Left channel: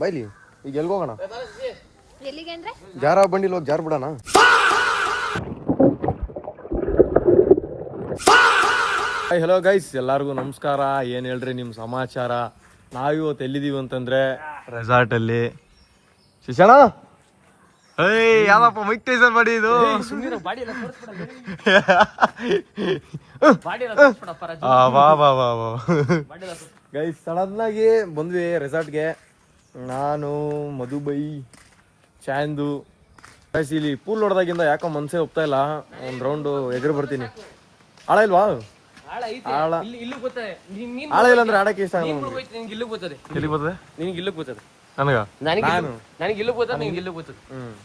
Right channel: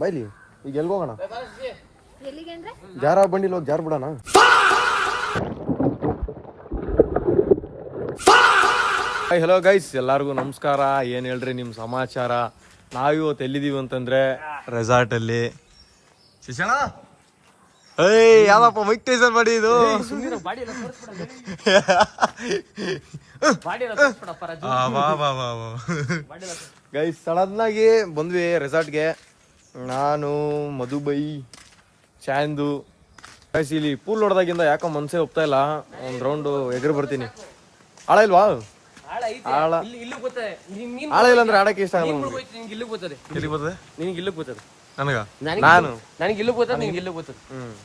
ಬೈಲಿ ಈಗ ಎಲ್ಗ ಹೋಗೋಣ? ಎಲ್ಲಿಗೆ ಅಂದ್ರೆ ಜಾರ ಬಂಡಿಲ್ ಹೋಗಿ ಜಾರ್ ಬಿಡೋಣ. ಹಲೋ ಗೈಸ್, ಎಲ್ಲರಿಗೂ ನಮಸ್ಕಾರ. ಏನು ಹೇಳ್ರಿ ನಿಮ್ಮ ಸಮಾಚಾರ? ನಾವಿವತ್ತು ಎಲ್ಲಿದ್ದೀವಿ ಅಂತಂದ್ರೆ ರೆಸಾರ್ಟಲ್ಲಿ. ಶಿಶಣ ಯಾವಪ್ಪ ಮೈಕ್ ಟೈಸನ್ ಮಾಡಿ ಇದು ಗೈಸ್. ಸಡನ್ ಆಗಿ ಬಂದ್ವಿ ರೆಸಾರ್ಟ್ಗೆ. ನಾನು, ಮಧುಬೈ, ಚಾಂದು. ಗೈಸ್ ಇಲ್ಲಿ ಪೂಲ್ ಹೊಡೆದಾಗಿಂದ ಯಾಕೋ ಮನ್ಸೇ ಒಪ್ತಾ ಇಲ್ಲ. ಒಂದು ರೌಂಡು ಎಗರು ಬರ್ತೀನಿ. ಆಳ ಇಲ್ವಾ? ಆಳ ಇಲ್ಲ ಅಂದ್ರೆ ಆಡಕ್ಕೆ ಇಷ್ಟ ಆಗಲ್ಲ. ಎಲ್ಲಿ ಬರ್ತದೆ ನಿನಗೆ? ಇಲ್ಲಿಗೆ ಬರ್ತದೆ ನನಗ. ನಾನು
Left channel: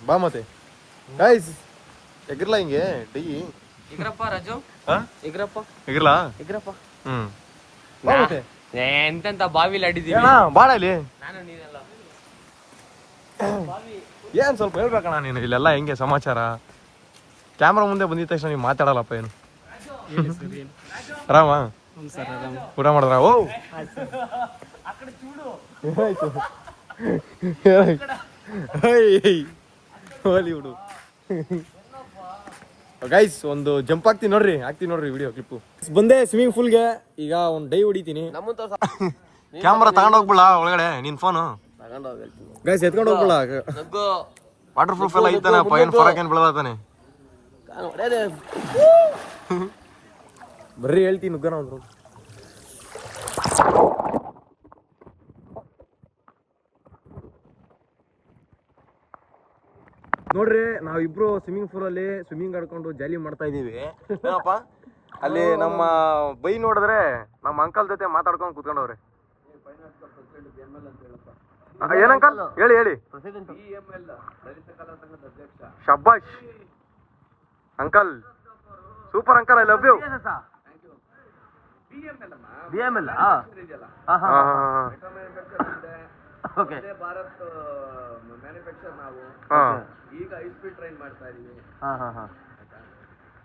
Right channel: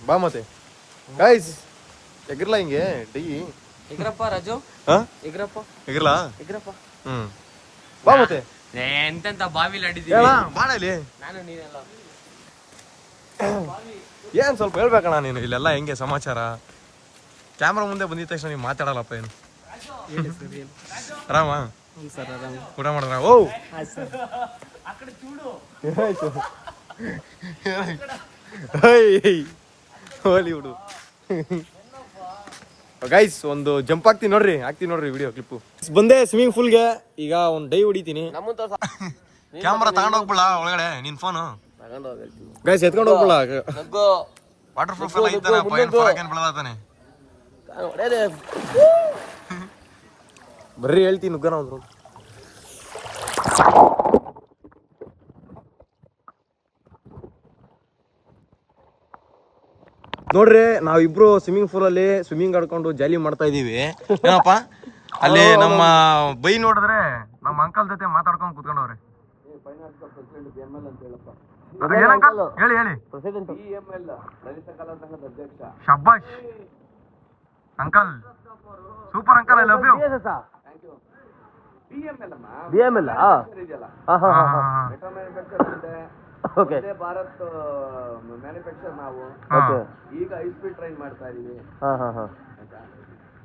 ಬಾ ಮತ್ತೆ ಗೈಸ್ ಎಗರ್ಲಾ ಹಿಂಗೆ ಡೈ ಎಗ್ರಪ್ಪ ರಾಜು. ಎಗರ್ಲಾ ಬಾ ಮತ್ತೆ. ಎಂತೆಂತ ಬಾವಿಲಿ ಆಡಿದೀವಿ ಬಾಡ ಇಲ್ಲಿ. ಏನ್ ಸ್ವಲ್ಪ ಹೇಳ್ಬೇಕಣ್ಣ ನೀನು. ಇಲ್ಲೆಲ್ಲ ಹೆಂಗೆ ಸಮಾಚಾರ? ಕ್ಯಾಮ್ರಾ ಮುಂದೆ ಬಂದಿದ ತಕ್ಷಣ ನೀವು ಮಾತಾಡಲ್ಲಪ್ಪ. ಏನು ಆರಾಮ? ಊಟ ಮಾಡಿದ್ರ? ಓ ಹೋಲಿ ಬಿಡು ಗೈಸ್. ಒಂದು ಜಂಪ್ ಹಾಕ್ತೀನಿ ನೋಡ್ರಿ ವಿಡಿಯೋ ಕ್ಲಿಪ್ಪು. ಬಂದೆ ಸ್ವಿಮ್ಮಿಂಗ್ ಪೂಲ್ಗೆ. ಈಗ ಒಂದು ಡೈ ಹೊಡಿತೀನಿ. ಕ್ಯಾಮ್ರಾ ತಗೊಂಡ್ ಹೋಗ್ಬಿಡ ಒಳಗಡೆ. ನಿನ್ ಫೋನು ಗೈಸ್ ಎತ್ಕೊಂಡು ಹೋಗ್ಬಿಡ. ವಾಟರ್ ಪ್ರೂಫ್ ಎಲ್ಲ ಐತಾನೆ. ಫರಕ್ ಬೆಳದಾನೆ. ಬರ್ರಿ ಹೇಳ್ತೀನಿ ನುಗ್ಗನ ಒಂದು. ನೋಡ್ರಿ ನಾವಿಬ್ರು ಸ್ವಿಮ್ಮಿಂಗ್ ಪೂಲ್ ಅಲ್ಲಿ ಸ್ವಿಮ್ಮಿಂಗ್ ಆಡ್ಕೊಂಡು ಜಾಲಿ ಮಾಡ್ತಾ ಇದೀವಿ. ಏನಪ್ಪ ಅಲ್ಲಿ ನಮ್ಮ ಬೈ ನೋಡಿದ್ರೆ ನಮ್ಮ ಅಂಕಲ್ ಜೊತೆ ಮಾತಾಡ್ಕೊಂಡು ಕೂತ್ಕೊಂಡವ್ರೆ. ಹೇಳಿ ಶಬ್ಬಾಷ್ uncle, super uncle, I love you. Bharat manufacture ನಾವು ಈಗ ಹೈ ಸ್ಪೀಡ್ ಟ್ರೈನ್ ಮಾಡ್ತಾ ಇದೀವಿ.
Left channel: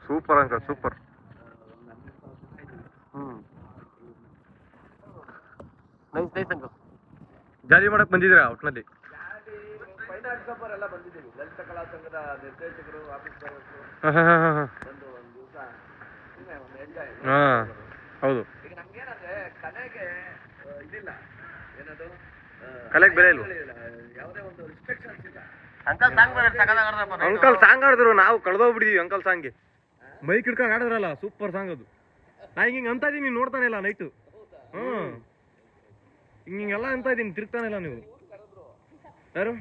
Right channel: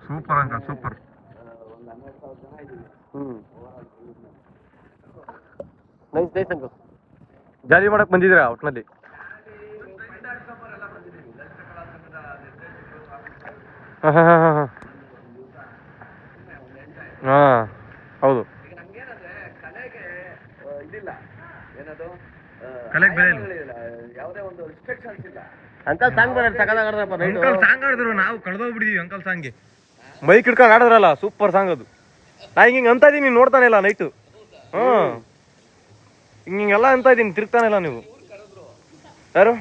Super uncle, super. ಒಂದು 12,000 ಜನ ಇದೀವಿ. Nice uncle. ಜಾಲಿ ಮಾಡಕ್ ಬಂದಿದ್ದೀರಾ ಒಟ್ನಲ್ಲಿ? ಎಲ್ಲ ಬಂದಿದ್ದೀವಿ. ಲಲಿತ ಕಲಾ ಸಂಘದ ನಿರ್ದೇಶಕರು. ಹೌದು. ನಮ್ಗೇನಂದ್ರೆ ಕಲೆಗೆ ಇದಿಲ್ಲ, ಏನದು ಯಾವುದೇ ಒಂದು ರಿಸ್ಟ್ರಿಕ್ಷನ್ಸ್ ಇಲ್ಲ. ಅಂಕಲ್ ಸಾಂಗ್ ಅಂಕಲ್ ಸಾಂಗ್ ಆಡಿದ್ರು, ನಾವು ಕಳೆದೋಗ್ಬಿಟ್ಟಿದೀವಿ ಅಂಕಲ್ ಸಾಂಗ್ಗೆ. ಮೈಕ್ ಹಿಡ್ಕೊಂಡು ಆಡಿದ್ರಲ್ಲ, ಸೂಪರ್ ಸಾಂಗ್ ಅದು. ನಾ ಹಿಂಗೆ ಅಂತ ಇದೀನಿ, ನೋಡ್ತಾನೆ ಇಲ್ಲ ನೈಟು. ಹಿಂಗೆಲ್ಲ ಅಂತ ಇದೀನಿ, ತಿರ್ಗ್ತಾನೆ ಇಲ್ಲ ನೀವು. ಯಾರು?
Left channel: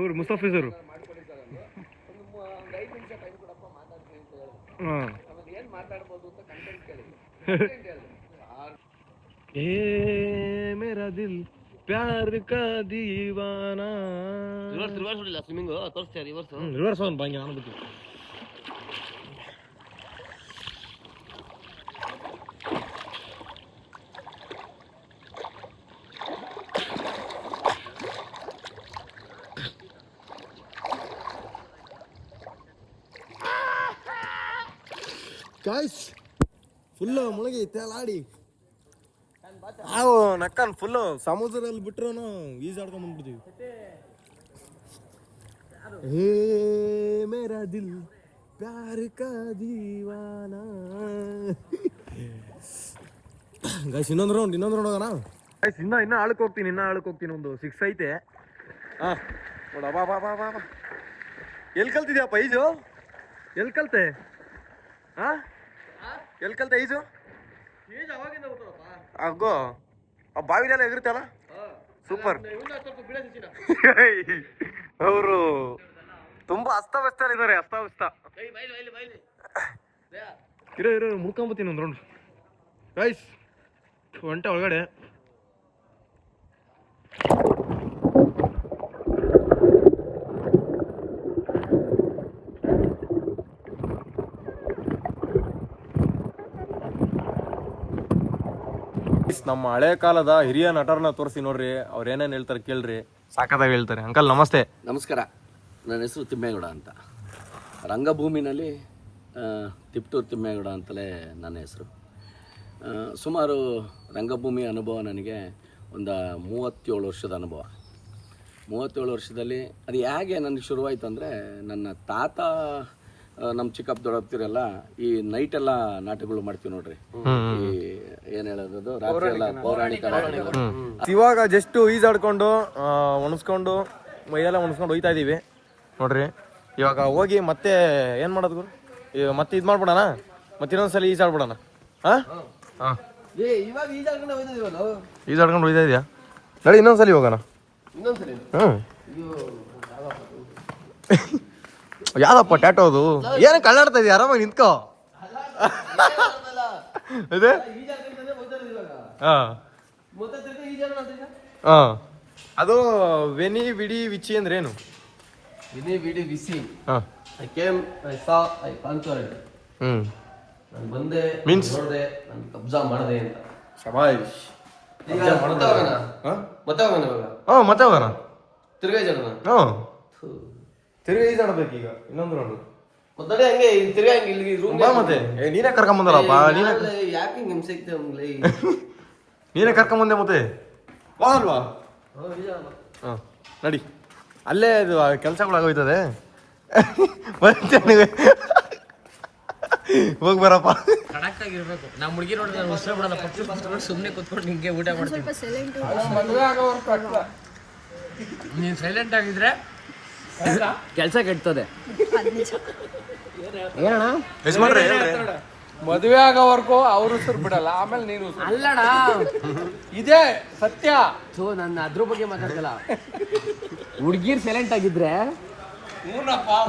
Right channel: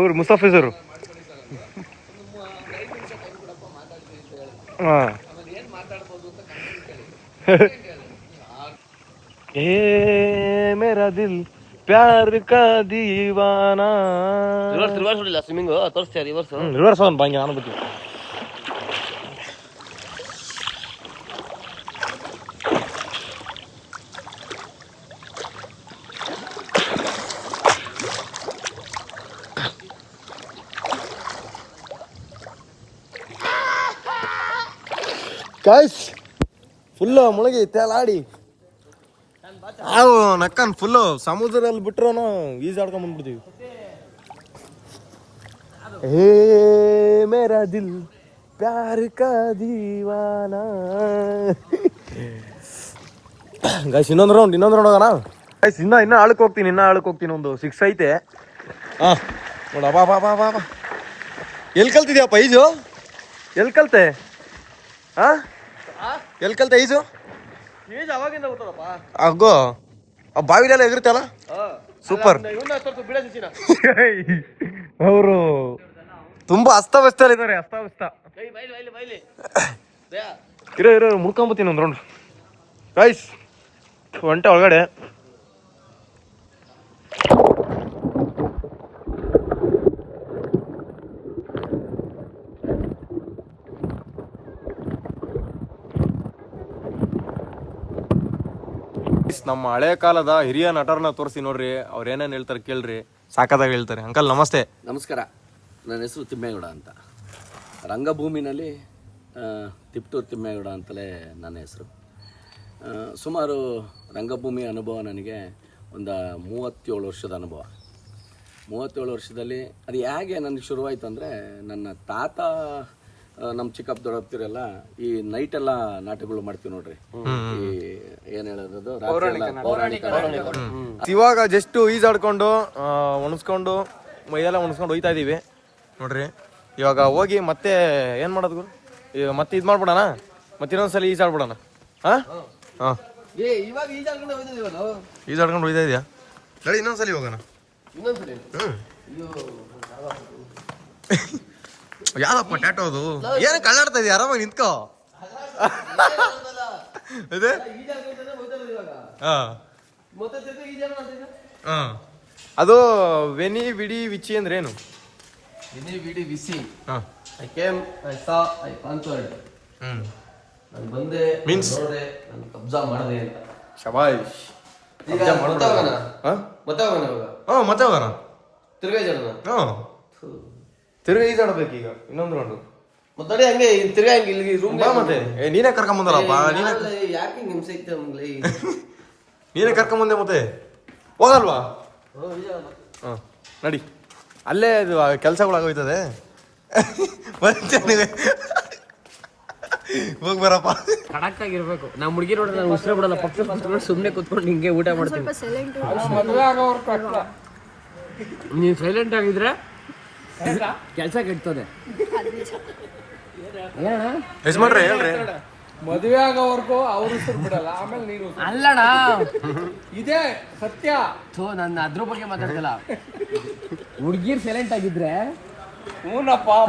ಇವ್ರು ಮುಸ್ತಫೀಜರು. ಮೇರಾ ದಿಲ್ ಪ್ಯಾರ್ ಕಾ ದೀವಾನಾ. ರಿವರ್ಸ್ ಹೊಡಿಲ್ಲ ಸ್ವಿಮ್ಮಿಂಗ್ ತೋರಿಸ್ತೀಯ? ರಿವರ್ಸ್ ಅವನ್ ಬಾಂಗೆ ನಾನು ಬಿಟ್ಟು. ಗಾಯ್ಸ್ ಫುಲ್ಲು ಮುಳುಗಿ ತೇಲಾಡಿ ನಕ್ಕನ್ ಫುಲ್ಲು ಸಮುದ್ರದಲ್ಲಿ ಬಿಟ್ರು ಈಜಾಡ್ಕೊಂಡ್ ಬಂದ್ಬಿಡ್ತೀವಿ. ಹೇ ಮೇರಾ ದಿಲ್ ಪ್ಯಾರ್ ಕಾ ದೀವಾನಾ. ಗೈಸ್ ಇನ್ನೊಂದು ರೌಂಡ್ ಹೋಗೋಣ ಗೈಸ್. ಇನ್ನ ಆಳಕ್ಕೆ ಹೋಗ್ತೀನಿ. ಒಂದು 6 ಐತೆ. ನೋಡ ಬಾ. ಎಲ್ಲಿ ಕಲ್ತಿದ್ಯಪ್ಪ ಈಜು? ಎಲ್ಲಿ ಕಲ್ತೆ ಈಜು? ಅವಾಗಿಂದ ಗೊತ್ತದಪ್ಪ. ಅಗ್ಗೋ ಆ ಬಾವಿಲೆಲ್ಲ ಎಗರ್ತಲ್ಲ, ಸೂಪರ್. ಅವರು ತುಂಬಾ ಅಸ್ತವ್ಯಸ್ತ ಇದ್ದಾರೆ. ಇರೋ ಮುಡ್ಕೊಂಬತ್ತೀನಿ ಒಂದು ರೌಂಡ್ ಗೈಸ್. ಒಂಟೆ ಒಳಗಡೆ. ನಮ್ಮ ಹಳೆ ಕಾಲದ ಹಿರಿಯ ನಟರನ್ನ ತೋರಿಸಿ ನೋಡ್ರಿ, ಅವ್ರು ಏನೇನು ಹೇಳ್ತಾರೆ ಕೇಳ್ರಿ, ಸಾಕದಾಗ ಹೇಳ್ತಾರೆ. ಅಂಕಲ್ ನಮಸ್ತೆ. ನಮಸ್ಕಾರ. ನನ್ನ ಹೆಸರು ತಿಮ್ಮೇಗೌಡ ಅಂತ. ರಂಗಭೂಮಿನಲ್ಲಿ ತಿಪ್ಟೂರು ತಿಮ್ಮೇಗೌಡ ಅಂತಲೇ ನನ್ನ ಹೆಸರು. ಸುಮಾರು ರಂಗಭೂಮಿ ಅನುಭವ ನನಗೆ ಒಂದು 37 ವರ್ಷದ ಅನುಭವ. 37 ವರ್ಷದಲ್ಲಿ ಅದು ಹೇಗೆ ನನಗೆ ಶುರುವಾಯಿತು ಅಂದರೆ, ನನ್ನ ತಾತ ನಮ್ಮ ಚಿಕ್ಕಪ್ಪ ದೊಡ್ಡಪ್ತಿರೆಲ್ಲ ಈ ನೈಟೆಲ್ಲ ನಾಟಕಗಳು ಮಾಡ್ತೀವಿ ನೋಡ್ರಿ. ಈ ಏನು ಹೇಳೋದು, ರಾತ್ರಿ ಎಲ್ಲ ಪೌರಾಣಿಕ ನಾಟಕಗಳು. ಇವಾಗ ಜಸ್ಟ್ ಈಜಾಡ್ಕೊಂಡು ಒಣಸ್ಕೊಂಡು ಮೈಯೆಲ್ಲ ಒಣಸ್ಕೊಂಡು ಹೋಯ್ತಾ ಇದೀವಿ ನೋಡ್ರಿ. ಇವಾಗ ಹೋಗಿ ಮತ್ತೆ ಏನು ಮಾಡೋದು ಗುರು, ಇವಾಗ ಮತ್ತೆ ಇದು ಮಾಡ್ಬಿಡೋಣ, ಮತ್ತೆ ಇನ್ನೊಂದ್ಸಲ ಈಜಾಡ್ಬಿಡೋಣ. ಹಾಂ ಹಾಂ ಇವಾಗ ಈಜಾಡ್ಕೊಂಡು ಹೋಯ್ತದೀವಲ್ಲ. ಈಜಾಡ್ಕೊಂಡು ಹೋಯ್ತಾ ಇದೆಯಾ? ನಡಿ ಇನ್ನೊಂದ್ಸಲಿ ಹೋಗೋಣ. ಇನ್ನೊಂದ್ಸರಿ ಹಾಂ ಯಾವ್ದಪ್ಪ ಟ್ಯಾಟೋ ಅದು? ಏನು ಕಳ್ಳಾಡ್ತಾ ಇದೆಯಾ? ಆರಾಮಾಗಿ ನಿಂತ್ಕೋ. ಅದೇ ಹಾಂ ಹಾಂ ಅದು ವೆನಿ ವಿಡಿ ವಿಚಿ ಅಂದ್ರೆ ಏನು? ಹಾಂ I came, I saw, I conquered. ನಾನು ಬಂದೆ, ಮೀನ್ಸ್ ನೋಡಿದೆ, ನಾನು ಕಬ್ಜಾ ಮಾಡಿದೆ ಅಂತ. ಶಬಾಷ್. ಮತ್ತೆ ಹೋಗೋಣ ಇವಾಗ. ಹಾಂ ಮತ್ತೆ ಹೋಗೋಣ. ತಿರ್ಗಾ ಜನ ಹಾಂ ತಿರ್ಗಿ ಈಜಾಡ್ಬೇಕು ಈಗ ಇನ್ನೊಂದು ರೌಂಡು. ಮತ್ತೆ ಹಂಗೆ ತಿರ್ಗಾ ಹಂಗೆ ಇಲ್ಲಿಗೆ ರೂಮ್ ಬಾ ಮತ್ತೆ. ನೀನೇ ಕರ್ಕೊಂಬಂದಲ್ಲಪ್ಪ, ನೀನೇ ಯಾಕೆ ಹಿಂಗೆ ಹಿಂಸೆ ಐತೆ ನಮ್ಗೆ? ನೀನೇ ಕರ್ಕೊಂಬಂದೆ ಮತ್ತೆ ಹೋಗಲ್ವಾ? ಹಾಂ ನಡಿ, ಅಲ್ಲೇ ಇದು ಕೆಲಸಗಳಾಗೋಯ್ತದೆ. ಮತ್ತೆ ಹೋಗಿ ಬರಪ್ಪ. ಕಡಕ್ ಆಗಿರ್ಬೇಕು. ನಮ್ಮ ಹುಡುಗಿ ನೋಡಿ ನಾನು ಉಸಿರು ಬಿಡಲ್ಲ, ಪಕ್ಕ ಸುಮ್ಮನೆ ಕೂತ್ಕೊಂಡು ಹಿಂಗೆ ಊಟ ಮಾಡ್ತೀನಿ. ನೀನು ಸೈಲೆಂಟ್ ಆಗಿದ್ರೆ ಕೆಲಸ ಕೆಡ್ತದೆ. ಏನಣ್ಣ ಎಷ್ಟು ಮಾಡ್ರಿ ಹೇಳ್ರಿ. ಮದುವೆ ಆಗೋವರೆಗೂ ಅವ್ರ ಉಸಿರು ಬಿಡಲ್ಲ, ಆಮೇಲೆ ನೀನು ಅಲ್ಲಣ್ಣ, ಇದೇ ಸತ್ಯ. ನನ್ನ ಅದ್ರ ಬಗ್ಗೆ ಮಾತಾಡ್ತಿಲ್ಲ. ಹುಡುಗಿರ್ ಸೈಲೆಂಟ್ ಆಗಿದ್ರೆ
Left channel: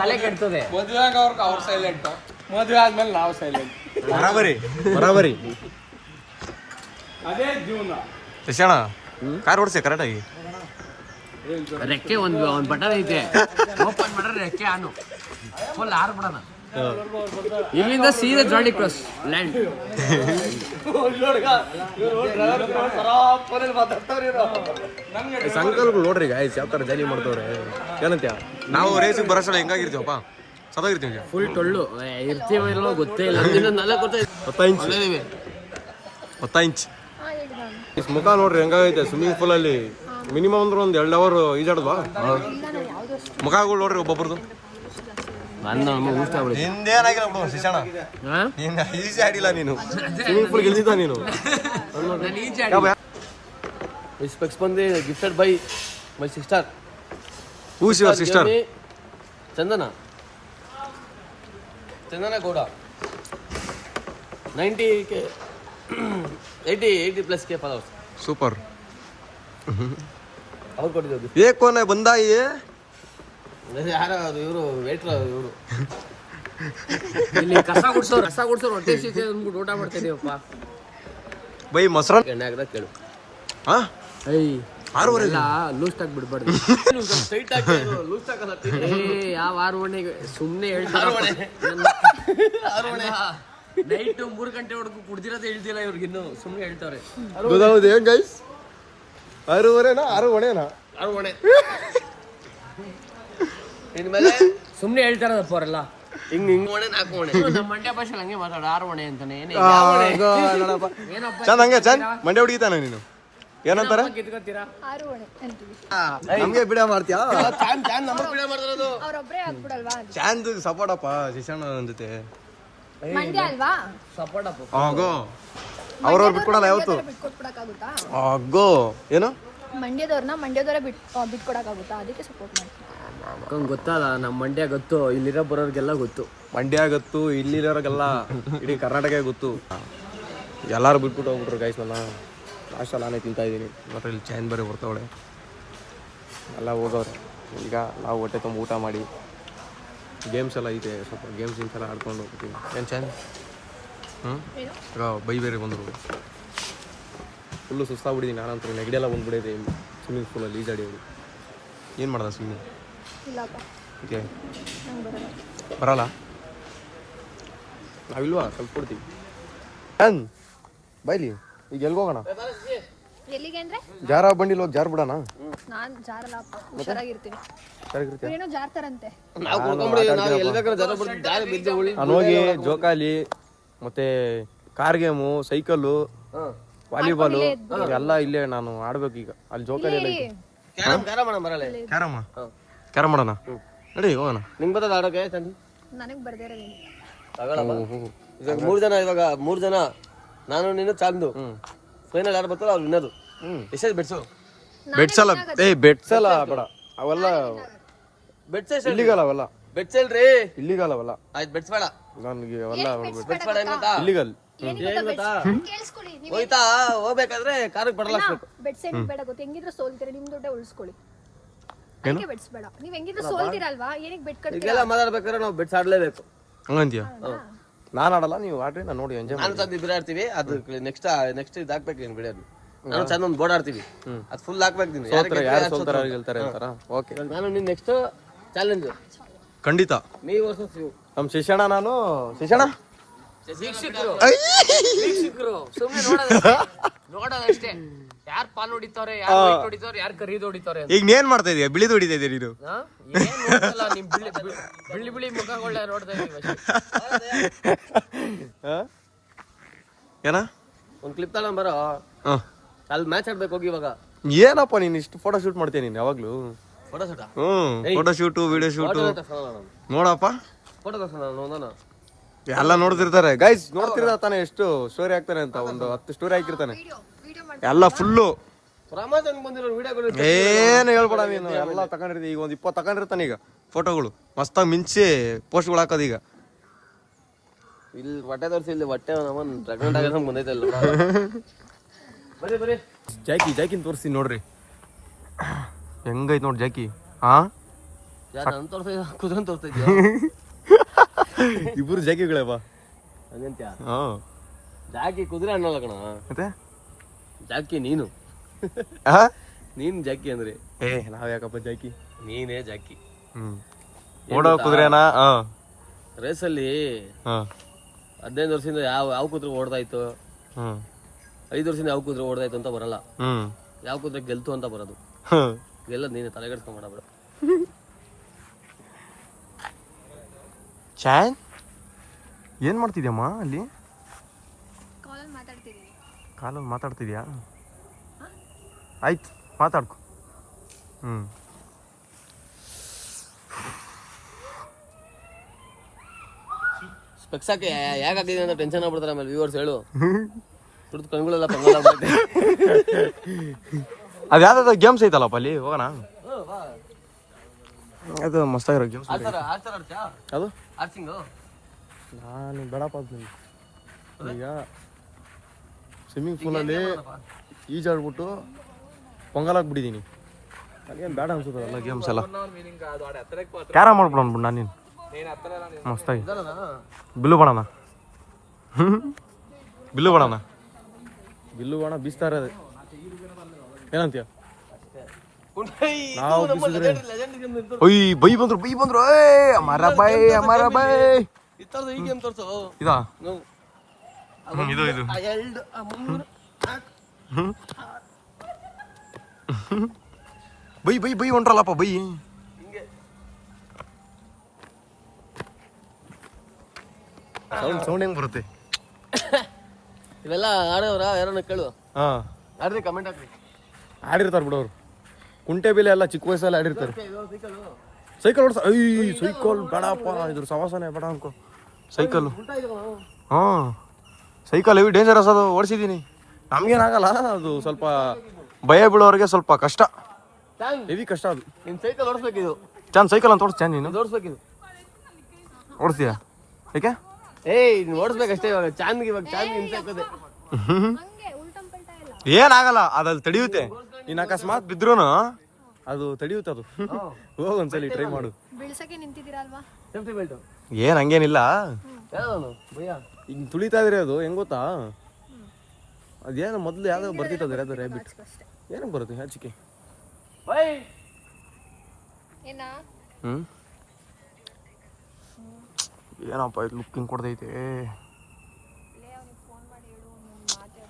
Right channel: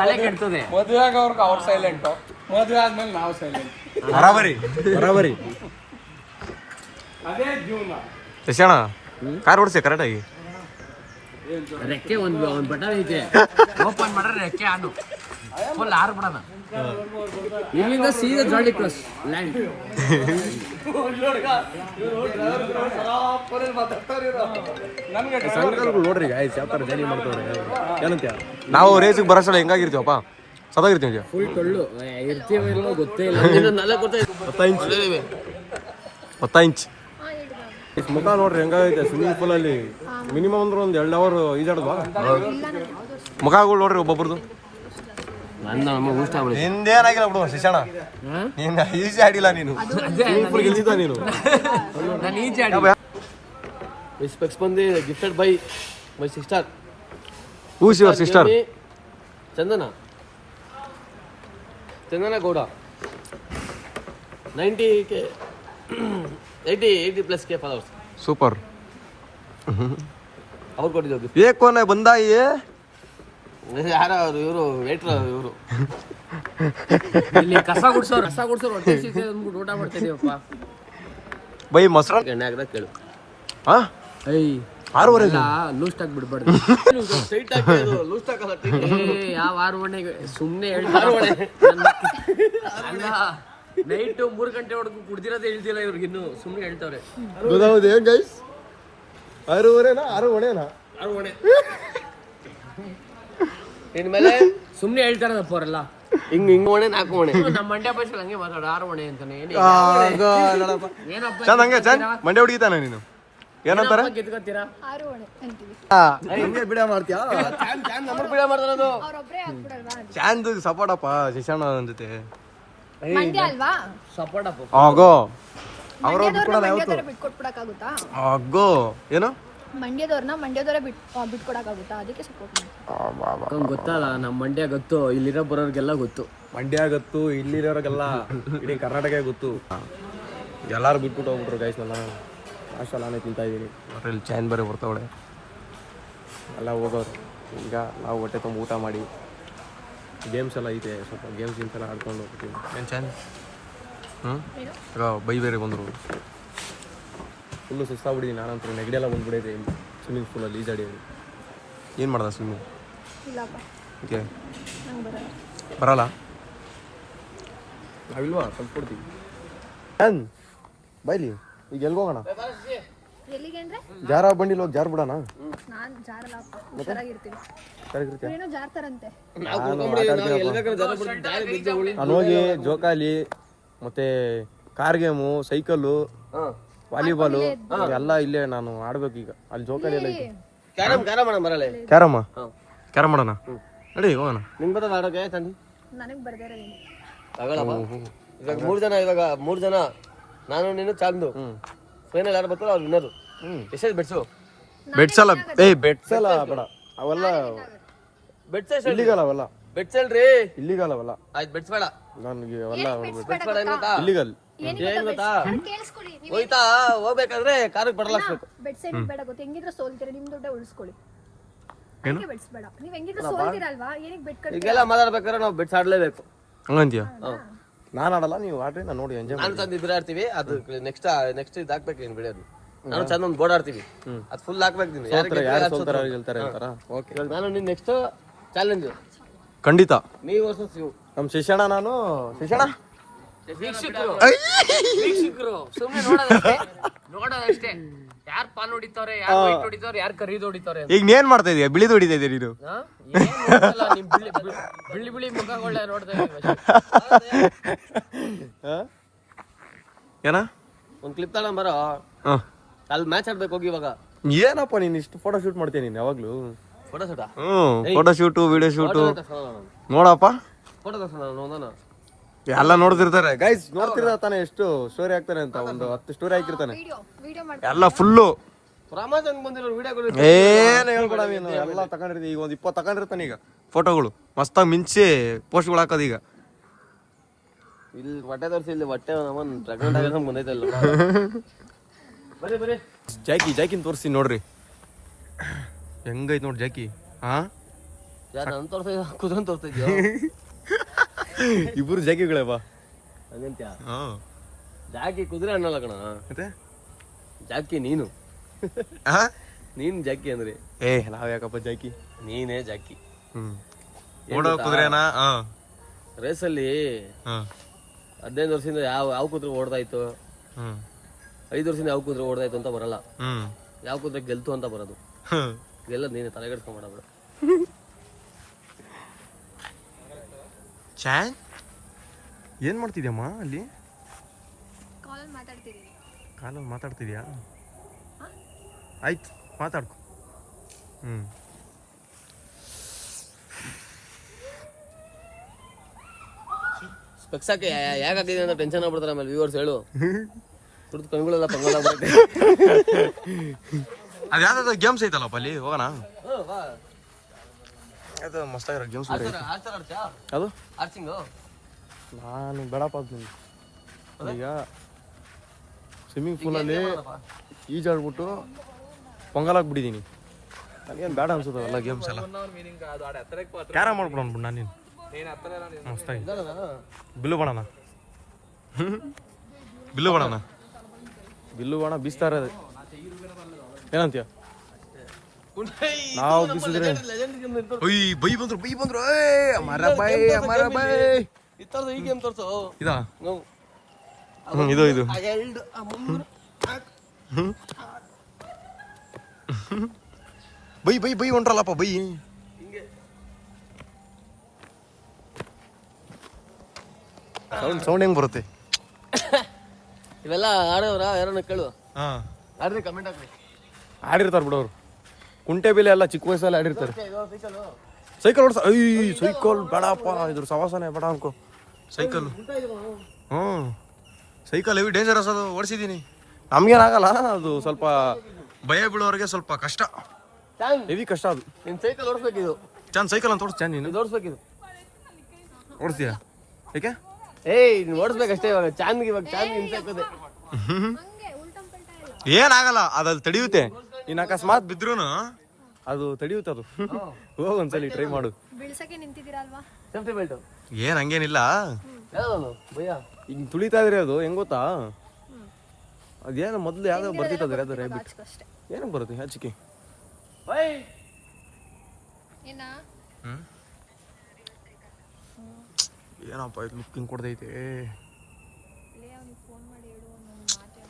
ತಲೆ ಕೆಡ್ತದೆ. ಮದುವೆ ಆಗೋವರೆಗೂ ಅವ್ರು ಸೈಲೆಂಟು, ಮದುವೆ ಆದ್ಮೇಲೆ ನಾವು ಸೈಲೆಂಟ್. ಬರಾಬರಿ ಬರಾಬರಿ. ಅದೇ ಜೀವನ. ಎಷ್ಟಣ್ಣ ಕಾರ್ ಓಡಿಸಿ ಕರೆಕ್ಟಾಗಿ? ರೆಕ್ಕೆ ಒಂದು ಬಟನ್ ಐತೆ, ಓಪನ್ ಮಾಡ್ರೆ ರೆಕ್ಕೆ ಆನು ಫುಲ್ ಆರು ಬಿಡೋಣ. ಇಲ್ಲಿಂದ ಸೀದಾ ಜಾಲಿ ಕ್ರಾಸ್ ಲ್ಯಾಂಡ್. ಸಂಕಲ್ಗಳು ನೋಡ್ರಿ ಗಾಯ್ಸ್ ಯಾವ ಥರ ಜಾಲಿ ಮಾಡ್ತವ್ರೆ. ಏನಂತ್ಯ ನಾವು ರೇಸಿಗೆ ಬರೋಸಲ ಹೆಂಗಾಗಿರ್ತೀವಪ್ಪ, ಸದಾಗಿರ್ತೀವಿ. ಫುಲ್ ಟೊಳ್ಳು ಇರ್ತೀವೋ ಇಲ್ಲೋ ಗೊತ್ತೇ ಇಲ್ಲ. 10 ಇಂಚ್ ಮುಖ ನೋಡ್ರಿ ಹೆಂಗಾಗೈತೆ. ಸ್ವಿಮ್ಮಿಂಗ್ ಪೂಲಲ್ಲಿ ಮಿನಿಮಮ್ ಅಂದ್ರೆ ಒಂದು 2 ಅವರ್ ಈಜಾಡ್ವಾ? ಮುಖಗಳು ನೋಡ್ರಿ ಒಬ್ಬೊಬ್ರದ್ದು. ನಿಂದೇನಾಗಿಲ್ಲ ಬಿಡು ಶಿಕ್ಷಣ, ನೀನು ಈಜಿ ಆಡಿಲ್ಲ. ನೀನು ಸ್ವಿಮ್ಮಿಂಗ್ ಪೂಲ್ ಗೆಲ್ದಿದ್ದ ನೀನು. ಸ್ಪೆಕ್ಸ್ ಬಂದು gifted by my sister. Who's your sister? Chandana Gowda. 90K 80+ followers. Super. ಅವ್ರು ಕೊಟ್ಟಿದ್ದು ಏಕೋನೆ ಬಂದಾಯಿ. ಯಾರೋ ಇವರು ವೇಟ್ರ್, ಇವರು ಇಲ್ಲಿ ಕಸ ಗುಡ್ಸೋರು ಹೊಟ್ಟೆ ಸಿಕ್ಕೆ ಅಂದ್ಬಿಟ್ಟು ಊಟ ಮಾಡ್ತಿದ್ದೀವಪ್ಪ. ಬೈ ಮೊಸರು ಎಣ್ಣೆ ಹಾಕಿದಾಗ ಕೇಳು. ಹಾಂ 6:30 ಲೂಸ್ ಆಗಿ ಬಿಡ್ಬಾರ್ದು. ಸ್ಟ್ರೈಟ್ ಆಗಿ ಲೂಸ್ ಆಗಲ್ಲ. ಯಾವ 6 ಗಂಟೆಗೆ ಸುಮ್ಮನೆ ಹೇಳ್ತಾರ. ನೈಟ್ 3 ಗಂಟೆವರೆಗೂ ಕುಡ್ದಿರೋದೇ ಹೇಳ್ತಿಲ್ಲ ಇವ್ರಿಗೆ, ಇನ್ನು ಸುಮ್ಮನೆ ಹೇಳ್ತಾರೆ. ಗೊತ್ತಾಗೋದು ಏನ್ ಗೈಸ್? 6:30ನಾ 6 ಹೊಣೆನಾ? 6 ಹೊಣೆ ಇನ್ಮೇಲೆ ಸುಮ್ಮನೆ ಹೇಳ್ತಾರದಪ್ಪ ಅವರೆಲ್ಲ. ಹಿಂಗೆ ಹೊಣೆ 4 ಹೊಣೆ. ನಮ್ಮ ಮಂಡ್ಯ ಭಾಷೆಲಿ ಹಂಗೆ ಮಾತಾಡೋ 6 ಹೊಣೆ ಅಂತಾನೆ. ಚಂದ ಹಂಗೆ ಚಂದ ಮಂಡ್ಯ ಹುಡುಗಿತಾನೆ ನೀನು. ಏನಂತಾರೆ? ಕಿತ್ಕೋತೀರಾ 6 ಹೊಣೆ ಅಂತೀವಿ. ನಮ್ಗೆ ಬಿಡ ಮಾಡ್ತೀಯಾ? ನಮಗೆ ಬಿಡ ಮಾಡ್ತಾರದು. ಅವ್ರೊಬ್ರೇ ಆಗ್ಬಿಡಲ್ವಾ? ಚಾಂದ್ ಸಪೋರ್ಟಪ್ಪ ಶಿಕ್ಷಣ ಜೊತೆ. ಮಂಡ್ಯ ಅಲ್ವಾ? ಸಪೋರ್ಟ್ ಅಪ್ಪ. ಆಗೋ ಅವ್ರು ಬಿಟ್ಕೊಡಲ್ಲ ಯಾವತ್ತು. ಬಿಟ್ಕೊಡಕ್ಕಾಗುತ್ತಾ? ಆಗೋ ಏನು ಮಂಡ್ಯದವ್ರನ್ನ ಮಂಡ್ಯದವರೇ ಬಿಟ್ಕೊಡಕ್ಕಾಗುತ್ತಾ? ಅದಕ್ಕೆ ಸಪೋರ್ಟ್ ಮಾಡ್ತೀವಿ. ಗೊತ್ತಲ್ಲ, ನಮ್ಮ ಮಂಡ್ಯ ಗೊತ್ತು, ಇಲ್ಲಿರೋ ಬರೋರ್ಗೆಲ್ಲ ಗೊತ್ತು. ಮಂಡ್ಯ ಗೊತ್ತು, ಇಲ್ಲಿರೋರಿಗೆಲ್ಲ ಇಡೀ ಕರ್ನಾಟಕ ಗೊತ್ತು. ಎಲ್ಲರೂ ಬಿಟ್ಬಿಟ್ಟು ಹೋಗ್ಬಿಟ್ರು ಗೈಸ್. ನನ್ನ ಲಾಸ್ಟಲ್ಲಿ ನಾನೇ ತಿಂತಾ ಇದ್ದೀನಿ. ಮತ್ತೆ ಇಲ್ಲಿ ಚೈನ್ ಬೇರೆ ಬರ್ತಾವಳೆ ಎಲ್ಲ ಹೋಗೋರು. ಈಗ ನಾವು ಹೊಟ್ಟೆ ತುಂಬ ಊಟ ಮಾಡಿ ಗೇಮ್ಸ್ ಎಲ್ಲ ಐತೆ, ಸ್ವಲ್ಪ ಗೇಮ್ಸ್ ಎಲ್ಲ ಆಡ್ಕೊಂಡು ಹೋಗ್ತೀವಿ. ಏನು ಚೈನ್ ಈಗ ಬೈ ಬೇರೆ ಬಂದರು. ಫುಲ್ಲು ಸುಸ್ತಾಗ್ಬಿಟ್ಟಿದ್ದೀನಿ ನಾನಂತೂ. ನೆಗಡಿಯೆಲ್ಲ ಬಂದ್ಬಿಡೈತೆ ಸ್ವಿಮ್ಮಿಂಗ್ ಪೂಲಲ್ಲಿ ಈಜಾಡಿ. ಏನು ಮಾಡ್ದ ಸ್ವಿಮ್ಮಿಂಗ್? ಇಲ್ಲಪ್ಪ, ಓಕೆ ನಂಗೆ ಬರಲ್ಲ. ಬರಲ್ಲ? ನಾವಿಲ್ವಾ ಸ್ವಲ್ಪ ಕೊಡ್ತೀವಿ. ಏನ್ ಬೈಲಿ ಈಗ ಎಲ್ಗೋಗೋಣ? ಎಲ್ಲಿಗೆ ಅಂದ್ರೆ ಜಾರ ಬಂಡಿಲಿ ಹೋಗಿ ಜಾರ್ ಬಿಡೋಣ. ನಾನ್ ಜಾರಲ್ಲಪ್ಪ, ಹುಷಾರಾಗಿರ್ತೀನಿ. ಸರಿಗಿರ್ತೀಯ? ಏನೋ ಜಾರ್ತಾರಂತೆ. ನಾನು ಹೋಗಿ ಜೋಕಾಲಿ ಮತ್ತೆ ಕಾರ್ ಗೇಮು, ಸೈಕಲ್ಲು, ವಾಲಿಬಾಲು ಎಲ್ಲ ಇಲ್ಲೇ ನಾನು ಆಡ್ಬೇಕು ಈಗ. ಅಲ್ಲಿ ಜೋಕಾಲಿ ಎಲ್ಲ ಐತೆ. ಕ್ಯಾರಮ್ಮ ಕ್ಯಾರಮ್ ಮಾಡೋಣ ನಡಿ ಹೋಗೋಣ. ನಿಂಗೆ ಬರ್ತದ ಆಡೋಕೆ ತಂದು? ನನಗ್ ಬರ್ದೇ ಇರೋದೇನು. ಇವಾಗ 3 ಜನ, ಇವಾಗ 3 ಜನ, ನಾನು ನೀನು ಚಾಂದು. ಫೈನಲ್ ಯಾರು ಬರ್ತಾರೋ ಅವ್ರು ವಿನ್ನರು. ಎಷ್ಟೇ ಬೆಟ್ಸು? ಬೆಟ್ಸಲ್ಲ ಬೆಟ್ಸಲ್ಲ ಬೇಡ, ಅವೆಲ್ಲ ಬೆಟ್ಸೇ ಇಲ್ಲಿಗಲ್ಲ, ಅವೆಲ್ಲ ಬೆಟ್ಸಲ್ರಿ. ಇಲ್ಲಿಗಲ್ಲ ಅವೆಲ್ಲ. ಆಯ್ತು ಬೆಟ್ಸ್ಬೇಡ. ನನಗೆ ಅವೆಲ್ಲ ಗೊತ್ತಾ? ಇಲ್ಲಿಗಲ್. ಏನ್ ಗೊತ್ತಾ? ಕೇಳಿಸ್ಕೊಳ್ಳಿ, ಹೋಯ್ತಾ ಹೋಗ್ಬೇಕಾದ್ರೆ ಕಾರಿಗೆ ಪೆಡಲ್ ಹಾಕ್ಬೇಕು. ಬೆಡ್ಸ್ ಏನಿಗೆ ಬೇಡ ಗೊತ್ತು, ಹೆಂಗಿದ್ರು ಸೋಲ್ತೀರಾ, ನಿಮ್ ದುಡ್ಡೇ ಉಳಿಸ್ಕೊಳ್ಳಿ. ಅದಕ್ಕೆ ಬೆಡ್ಸ್ ಬೇಡ, ನೀವ್ ಹೆಂಗಿದ್ರು ಸೋಲ್ತೀರಲ್ವಾ, ಏನಕ್ಕೆ ಬೆಟ್ ಕಟ್ತೀರಾ? ಈಗೆಲ್ಲ ಮಾತಾಡ್ಬೇಕಾದ್ರೆ ನಾವು ಬೆಟ್ಸ್ ಆಡ್ಲೇಬೇಕು. ಹಂಗಂತೀಯ? ನಾನು ಆಡಲ್ಲ, ನೀವು ಆಡ್ರಿ, ನಾನು ನೋಡಿ ಎಂಜಾಯ್ ನಾನು ಮಾಡಿ. ತಂದು ಇಬ್ಬರು ಆಡ್ತೀವಿ. ಅದು ನೆಕ್ಸ್ಟ್ ಇದು ಹಾಕ್ಬೇಕು ನೀನು ಬಿಡೋದು. ನಾನು ಚಂದ ಒಂದು ಬೋರ್ಡ್ ಆಡ್ತೀವಿ, ಅದು ಫುಲ್ ಹಾಕ್ಬೇಕು ನೀನು. ಸೋಲ್ತಾರೆ, ಯಾರು ಸೋಲ್ತಾರೆ ಯಾರು ಗೆಲ್ತಾರೆ ಅಂತಾರ. ಓಕೆ, ಇವಾಗ ನಾನು ನೀನು ನೆಕ್ಸ್ಟ್ ಚಾಲೆಂಜ್ ಖಂಡಿತ. ನೀವು ವರ್ಸಸ್ ನೀವು. ನಮ್ಮ ಶಿಕ್ಷಣ, ನಾನು ಶಿಕ್ಷಣ ವೀಕ್ಷಕರು ಸುಮ್ಮನೆ ನೋಡೋದಷ್ಟೇ. ಯಾರು ಪಾಲ್ ಹೊಡಿತಾರೆ, ಯಾರು ವೈಟ್ ಹೊಡಿತಾರೆ, ಯಾರು ಕರಿದು ಹೊಡಿತಾರೆ. ಈಗ ಏನ್ ಮಾಡ್ತಾ ಇದೀಯ? ಬಿಳಿದು ಹೊಡಿತಾ ಇದೀಯ ನೀನು? ನಿಮ್ ಬಿಳಿ ಮುಖಗಳನ್ನ ನೋಡ್ತಾ ಇದೀವಿ. ಏನ ಒಂದು ಕ್ಲಿಪ್ ತಗೊಂಡ್ ಬರೋ, ಅಲ್ಲಿ ಮ್ಯಾಚ್ ಆಡ್ಬೇಕು ಹೋಗಿ. ಇವಾಗ ಏನಪ್ಪ ನೀನ್ ಇಷ್ಟು ಫೋಟೋ ಶೂಟ್ ಮಾಡ್ತೀನಿ ನೀನ್ ಯಾವಾಗ್ಲೂ? ಫೋಟೋ ಶೂಟಾ? ಫೋಟೋ ಶೂಟು, ವಿಡಿಯೋ ಶೂಟು ನೋಡಪ್ಪ. ಫೋಟೋ ತರ್ಸೋಣ. ಎಲ್ಲ ನೋಡ್ತಿರ್ತಾರೆ ಗೈಸ್, ನೋಡ್ತಿರ್ತಾರೆ ತಾನೆ ಎಷ್ಟು ಸ್ಟೋರಿ ಹಾಕ್ತಾನೆ ಅಂತ. ಒಂದು 10 ಸ್ಟೋರಿ ಹಾಕಿರ್ತಾನೆ, ವಿಡಿಯೋ ಮಾಡಿ ಎಲ್ಲ ಫುಲ್ಲು. ಪ್ರಮಾಣ ಬಂದಿರೋ ವಿಡಿಯೋಗಳು ಏನು ಹೇಳ್ಬೇಡ ನೀನು, ಎಲ್ಲ ತಗೊಂಡಿರ್ತೀವಿ. ಈಗ ಒಂದು 20 ತಗೊಂಡಿರ್ತಾನೆ ಈಗ ಫೋಟೋಗಳು, ಮಸ್ತಾಗಿ ಮಿಂಚಿ ಪೋಸ್ಟ್ಗಳು ಹಾಕೋದು. ಈಗ ಇಲ್ಲಿ ಹೊಟ್ಟೆ ತೋರಿಸಿ, ಇಲ್ಲಿ ಹೊಟ್ಟೆ ನಮ್ಮನ್ ಪ್ರೆಗ್ನೆಂಟ್ ಆಗೋದು ಬಂದೈತಲ್ಲ. ಬರೀ ಜಾಕಿನ್ ತೋರಿಸ್ತೀನಿ ನೋಡ್ರಿ, ಹೆಂಗೈತ್ ನೋಡಿ ಜಾಕಿ. ಹಾ, ನಾನು ತೋರಿಸ್ತಾ ಕುದುರೆ ತೋರಿಸ್ತಾ ಇದೆಯಾ? ಇಬ್ರು ಜಾಕಿಗಳೇ ಬಾ. ಹಂಗಂತ್ಯ? ಹಾ, ಜಾಕಿ ಕುದುರೆ ಅನ್ನಲ್ಲ ಕಣ, ಮತ್ತೆ ಜಾಕಿ ನೀನು. ಹಾ, ನೀನ್ ಜಾಕಿ ಅಂದ್ರೆ ನಾವ್ ಯಾಕಪ್ಪ ಜಾಕಿ? ನೀನೇ ಜಾಕಿ. ಓಡೋ ಕುದುರೆನಾ? ರೇಸಲ್ಲಿ 15 ವರ್ಷದಿಂದ ಯಾವ ಕುದುರೆ ಓಡ್ತಾ ಇತ್ತು, 5 ವರ್ಷದಿಂದ ಯಾವ ಕುದುರೆ ಓಡ್ತಾ ಇತ್ತು ಅಂತ ಬರಲ್ಲ. ಯಾವ ಕುದುರೆ ಗೆಲ್ತು ಅಂತ ಬರೋದು. ಗೆಲ್ಲದ್ ನೀನೆ, ತಲೆಗೆಡ್ಸ್ಕೊಂಡ್ಬಿಡೋದು. ಚಾನ್ ಏನ್ ಮಾಡ್ತಿದ್ಯಮ್ಮ ಅಲ್ಲಿ? ಕಾಲಲ್ಲಿ ಮಾತಾಡ್ತಿದ್ದೀನಿ. ಕಾಲಲ್ಲಿ ಮಾತಾಡ್ತಿದ್ಯಾ? ಆಯ್ತು, ಮಾತಾಡ್ಕೊ. ಸ್ಪೆಕ್ಸ್ ಹಾಕಿ ಯಾಕೆ ಹಾಕಿದೀನಿ ಅಂತ ಟೆನ್ಷನ್ ಆಗ್ಬಿಡ್ತಾರೆ ಆಮೇಲೆ ವ್ಯೂವರ್ಸ್. ಹೇಳು, ಕುಡಿದು ಕಣ್ಗಳೆಲ್ಲ ಪಂಗಲ್ ಆಗ್ಬಿಡುತ್ತೆ. ಅದು ಯಾವ್ದಾದ್ರು ಗೇಮ್ಸ್ ಐತಲ್ಲಪ್ಪ ಅಲ್ಲಿ, ಹೋಗೋಣ. ಅದು ಮಸ್ತಾಗಿರೋ ಗೇಮ್ಸ್. ಅದು ನಾನು ಬೇಡಪ್ಪ ಅಂತೀನಿ. ಈಗ ಸ್ವಿಮ್ಮಿಂಗ್ ಪೂಲಲ್ಲಿ ಈಜಾಡ್ಬಿಟ್ಟು ಪೊಂಗಲ್ ಹಾಕ್ಬಿಟ್ಟಿದ್ದೀನಿ. ನನಗೇನು ಬೇಡ ಅನ್ಸುತ್ತೆ ಅವೆಲ್ಲ ಗೇಮ್ಸ್ ಎಲ್ಲ. ಕ್ಯಾರಮ್ ಮಾಡ್ಬಿಡೋಣ ಬಿಡು ನಾನು ನೀನು, ಮಸ್ತಾಗಿ. ಬಿಲ್ಲು ಬಾಣನ, ಬಿಲ್ಲು ಬಾಣ ಬೀಸ್ತಾ ಇರೋದು. ಏನಂತೀಯ? ನಾವು ಬೀಸಿದ್ರೆ ಬೈ ಬಂದ್ರು. ಅಮರ ಬೈ ಈ ಗೇಮ್ ತೋರ್ಸು. ಇದಾ? ಇದು ಬೈ ಹೊಂಟ್ರಲ್ಲಪ್ಪ ಬೈ. ಸೌಂಡ್ ಹೆಂಗ್ ಬರುತ್ತೆ? ಇವೆಲ್ಲ ಆಡೋರ ಯಾರನ್ನ ಕೇಳು. ಹಾ, ಆಡ್ರಿ, ಕಮೆಂಟ್ ಹಾಕಿ. ಆಡಿರ್ತಾರೆ ಬಿಡೋರು. ಕುಂಟೆ ಬೆಲೆ ಎಲ್ಲ ಚಿಕ್ಕ ವಯಸ್ಸಲ್ಲಿ ಆಡಿರ್ತಾರೆ. ಸೈಕಲ್ ಓಡಿಸ, ಸೈಕಲ್ ಬೇಡಪ್ಪ, ಇದ್ರ ಸವಾಸನೆ ಬೇಡ ಅನ್ಕೋ. ಸೈಕಲ್ ಸೈಕಲ್ ಹೆವಿ ಡೇಂಜರಸ್, ಅದು ಓಡಿಸಿದ್ದೀನಿ. ನಮ್ಗೇನಾಗಲ್ಲ, ಅದು ಸ್ವಲ್ಪ ಭಯ ಬೀಳೋರಿಗೆ ಸ್ವಲ್ಪ ಕಷ್ಟ, ಹೆವಿ ಕಷ್ಟ ಅದು. ನಿನ್ ಸೈಕಲ್ ಓಡಿಸ್ಬೇಕಿದು. ಸೈಕಲ್ ಅಂತ ಓಡಿಸ್ತೀಯ ನೀನು? ಓಡಿಸ್ಬೇಕಿದು. ಓಡಿಸ್ತೀಯ? ಏಕೆ? ನೀನು ಓಡಿಸ್ಬೇಕಷ್ಟೇ. ಇವಾಗ ಚಾಂದ್ಗೆ ಹಿಂಸೆ ಹಾಕೋದೆ. ಏನಾಗಲ್ಲ, ಅದಲ್ಲಿ ತಡೆಯುತ್ತೆ. ನೀನು ಅಕಸ್ಮಾತ್ ಬಿದ್ರೂನು ಅದು ತಡೆಯುತ್ತೆ. ಅದು ಹೋಗ ಒಂದ್ಸಲಿ ಟ್ರೈ ಮಾಡು. ಬೀಳ್ಸಕ್ಕೆ ನಿಂತಿದ್ದೀರಲ್ವಾ? ಸೇಫ್ಟಿ ಬೆಲ್ಟ್ ಏನ್ ಹಂಗೇನಿಲ್ಲ. ಈಗ ತುಳಿತಾ ಇದ್ರಿ, ಅದು ಹೆಂಗ್ ಗೊತ್ತಾ? ಅದೇನು ಮೊದ್ಲು ಯಾವ್ದೋ ಬರ್ತಿತ್ತು ಅದು ರ್ಯಾಬಿಟ್. ಏನಕ್ಕೆ ಬರುತ್ತೆ ಹಚ್ಚಿಕೆ? ಏನಪ್ಪ ಇದು ಲುಕ್ಕಿಂಗ್ ಕೊಡ್ತೈತೆ.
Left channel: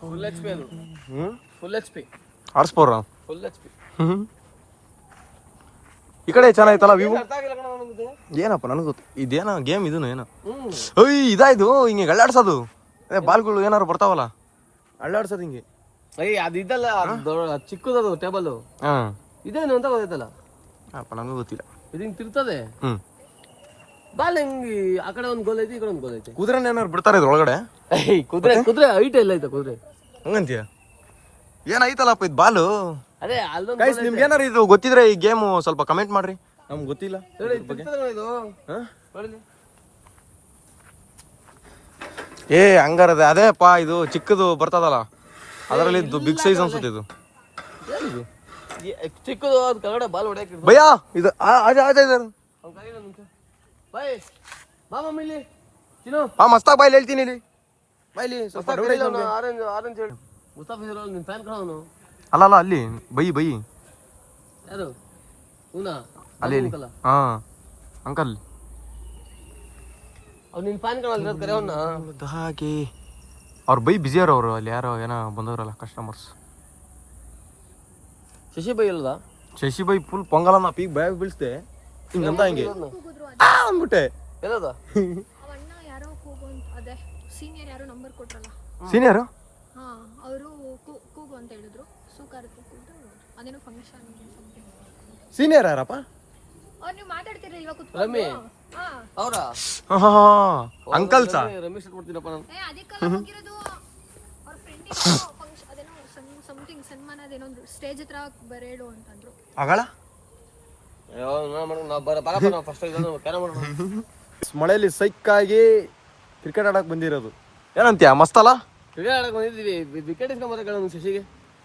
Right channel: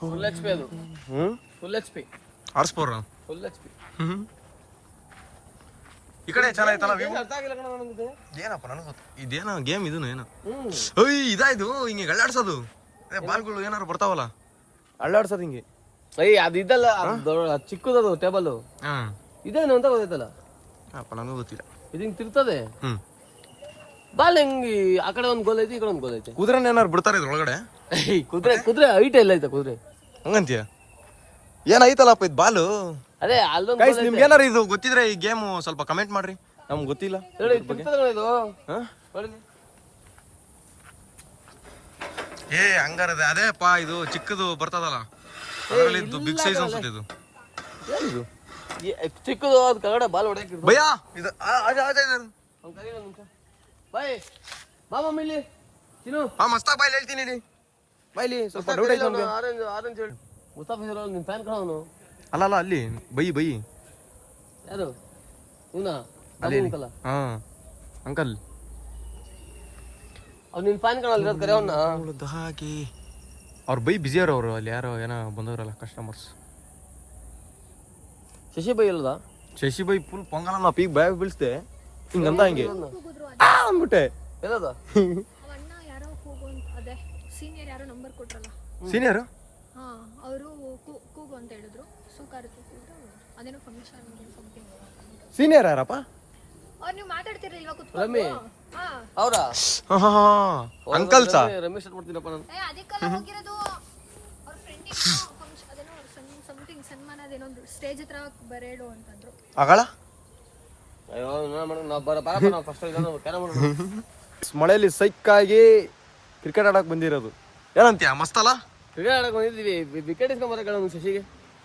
ಫುಲ್ HP ಅದು. ಫುಲ್ HP ಆರ್ಸ್ಪೋರ. Full HP. ಈ ಕಡೆ ಚೆನ್ನಾಗಿತ್ತಲ್ಲ ವಿವೋ. ಏನಪ್ಪ ನನಗೆ ಗೊತ್ತು. ಇದೇನೋ ಗೇಮ್ ಇದನ್ನು ಏನೋ. ಇದಾಯ್ತು ಹಿಂಗೆ ಗಳ್ಳಾಡ್ಸೋದು. ಬಾಲ್ಗಳು ಏನಾರು ಬರ್ತಾವಲ್ಲ ಅಳ್ಳಾಡ್ಸೋದು ಹಿಂಗೆ. ಅದು ಇದಲ್ಲ ಚಿಕ್ಕದದು ಟೇಬಲ್ ಹಾ ಇದೇನು ಅಂತ ಗೊತ್ತೈತಲ್ಲ. ಅಪ್ಪ ನನಗೂ ಗೊತ್ತಿಲ್ಲ. ಇದು ಹಿಂಗ್ ತಿರ್ತದೆ. ಹ್ಮ್ ಬಾಲ್ ಹೆಂಗ್ ಆ ಕಡೆ ಒಂದ್ ಗೋಲ್ ಐತಿ, ಈ ಕಡೆ ಒಂದ್ ಗೋಲ್ ಐತಿ. ಕುದುರೆನ ಏನಾರು ಬಿಡ್ತಾರೆ ಇದ್ರ ಒಳಗಡೆ? ಕುದುರೆ ಐಟ ಎಲ್ಲ ಐತೆ ಕುದುರೆ. ಹಂಗಂತೀಯ? ಏನಾಯ್ತಲ್ಲಪ್ಪ ಇದು ಬಾಲು? ಅದೇ ಅಲ್ಲೊಂದು ಗೈಸ್ ನಿಮ್ಗೆ ಏನಾರು ಇದು ಗೊತ್ತಿದ್ರೆ ಈ ಗೇಮು ಸ್ವಲ್ಪ ಕಮೆಂಟ್ ಮಾಡ್ರಿ, ನಮ್ಗೆ ಗೊತ್ತಿಲ್ಲ. ಇದು ಹಾ? ಏ ಹಂಗಾರದ ಅದೇಪ್ಪ ಇದು ಚಿಕ್ಕದು ಬರ್ತದಲ್ಲ ಅದರಲ್ಲಿ ಇದು ಬಿಗ್ ಸೈಜ್ ಅನ್ಸುತ್ತೆ. ಇದು ಏನಿದು ಚಿಕ್ಕದು ಅದ್ ಕೆಳಗಡೆ ಬಾಲ್ ಹೊಡ್ಯಾಕ ಭಯ್ಯ ಇದು ಮಸ್ತಾಗ್ ಬಾಯ್ಲಿ ಹೇಳ್ತೀನಿ ಇಲ್ಲಿ ಬಾಯ್ಲಿ ಸ್ವಲ್ಪ ಡೌಟ್ ಐತೆ ನಮ್ಗೆ. ಮುಸ್ತಾಫಿಜ್ ನಿನ್ ಫ್ಯಾನ್ ಕಾಣವನು. ಅಲ್ಲ ಅಲ್ಲಿ ಬೈ ಯಾರು ಹೂನಾ ಅಲ್ಲಿ ಹಾ ಅಂಕಲ್ ಅವ್ನು ನಿನ್ ಫ್ಯಾನ್ ಕಾಣಲ್ಲ ಹಾಗೆ ಅವ್ರ ಬೈ ಬಿಜಿ ಅವ್ರು ಅಲ್ಲಿ ಯಾರೋ ಏನೋ ಬಂದವ್ರಲ್ಲ ಕಸ್ಟಮರ್ಸ್. ಶಶಿ ಬೈ ಅಲ್ಲದ ಶಶಿ ಬೈ ಫುಲ್ ಪೊಂಗಲ ನಾ ಪೀಕ್ ಬ್ಯಾಗ್ ಬೀಳ್ಸ್ದೆ ಹಿಂಗಂದ ಹಿಂಗೆ ಕೂಗಿದ್ರು ಅಂದ್ಬಿಟ್ಟೆ. ಎಲ್ಲದ ಅಣ್ಣ ಯಾರೋ ಕೂಗು ಅಂತ ಅದೇ ಸೀನಿಯರ್ ಯಾರೋ ನಂಬರ್ ಕೊಟ್ರಲ್ಲ. ಸೀನಿಯರ್ ಹಾ ಅವರು ಕೂಗು ಅಂತ ಹೇಳಿದ್ರು. ಕೂಗಿದ್ರು ಅದೇನೋ ಫಂಕ್ಷನ್. ಸೀನಿಯರ್ ಯಾರಪ್ಪ? ನೀವು ಮಾತಾಡ್ತೀರ ಇವಾಗ ರಮ್ಮಿ ಅವ್ರಾ ಅಂಕಲ್ ಸಾ ರಮೇಶ್ ಕೊಡ್ತೀನಪ್ಪ ನಾನು. ಅದಕ್ಕೆ ಹೋಗಿರೋದು ಅವ್ರ ಫ್ರೆಂಡ್ ಫಂಕ್ಷನ್ ಸಮಥಿಂಗ್ ಸನ್ಮಾನ ಅದೇನೊಂದು ಸ್ಟೇಜ್ ಹತ್ರ ಬರೇಡು ಅಂತಂದ್ರು. ಆಗಳ ಅಯ್ಯೋ ಮಳೆಯಲ್ಲಿ ಸೈಕಾಗಿ ಕ್ರಿಕೆಟ್ ಆಡಕ್ ಬಂದಿರೋದು ಏನಂತೀಯ? ಮಸ್ತಲ್ಲ ಕ್ರಿಕೆಟ್ ಆಡಕ್ ಬಂದಿದ್ವಿ. ವಿಕೆಟ್ ಇಸ್ಕೊಂಡ್ ಬರಕ ಶಶಿಗೆ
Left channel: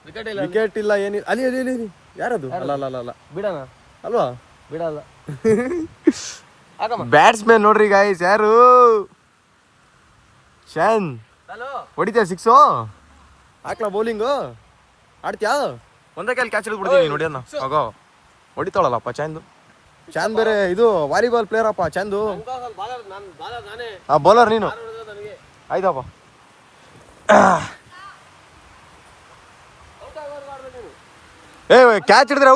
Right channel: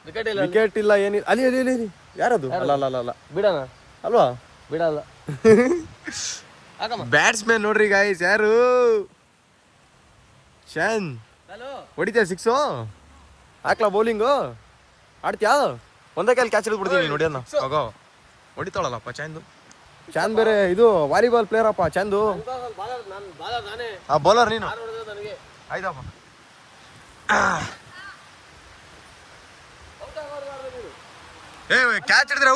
ವಿಕೆಟ್ ಇಲ್ಲ. ವಿಕೆಟ್ ಇಲ್ಲ ಏನಿಲ್ಲ. ಅಲ್ಲಿ ಅಲ್ಲಿ ಅಲ್ಲಿ ಯಾರದು? ಅಲ್ಲ ಬಿಡಣ ಅಲ್ವಾ? ಬಿಡಲ್ಲ. ಬ್ಯಾಟ್ಸ್ಮನ್ ನೋಡ್ರಿ ಗಾಯ್ಸ್ ಯಾರು? ಶಾನ್ ಹೊಡಿತೀಯ ಸಿಕ್ಸು? ಹಾಕ್ಲಾ ಬೌಲಿಂಗು? ಆಡ್ತೀಯಾ? ಒಂದೇ ಕೈಲಿ ಕ್ಯಾಚ್ ಹಿಡಿದು ಬಿಡ್ತೀವಿ ನೋಡಿ ಅನ್ನ. ಹೋಗೋ ಹೊಡಿತಾಳಲ್ಲಪ್ಪ ಚಾಂದು. ಚಾಂದ್ ಬೇರೆ ಇದು ವಾಲಿಬಾಲ್ ಪ್ಲೇಯರ್ ಅಪ್ಪ ಚಾಂದು. ಬೌಲರ್ ನೀನು? ಆಯ್ತಪ್ಪ. ಏ ಕ್ಯಾಚ್ ಹಿಡಿದ್ರೆ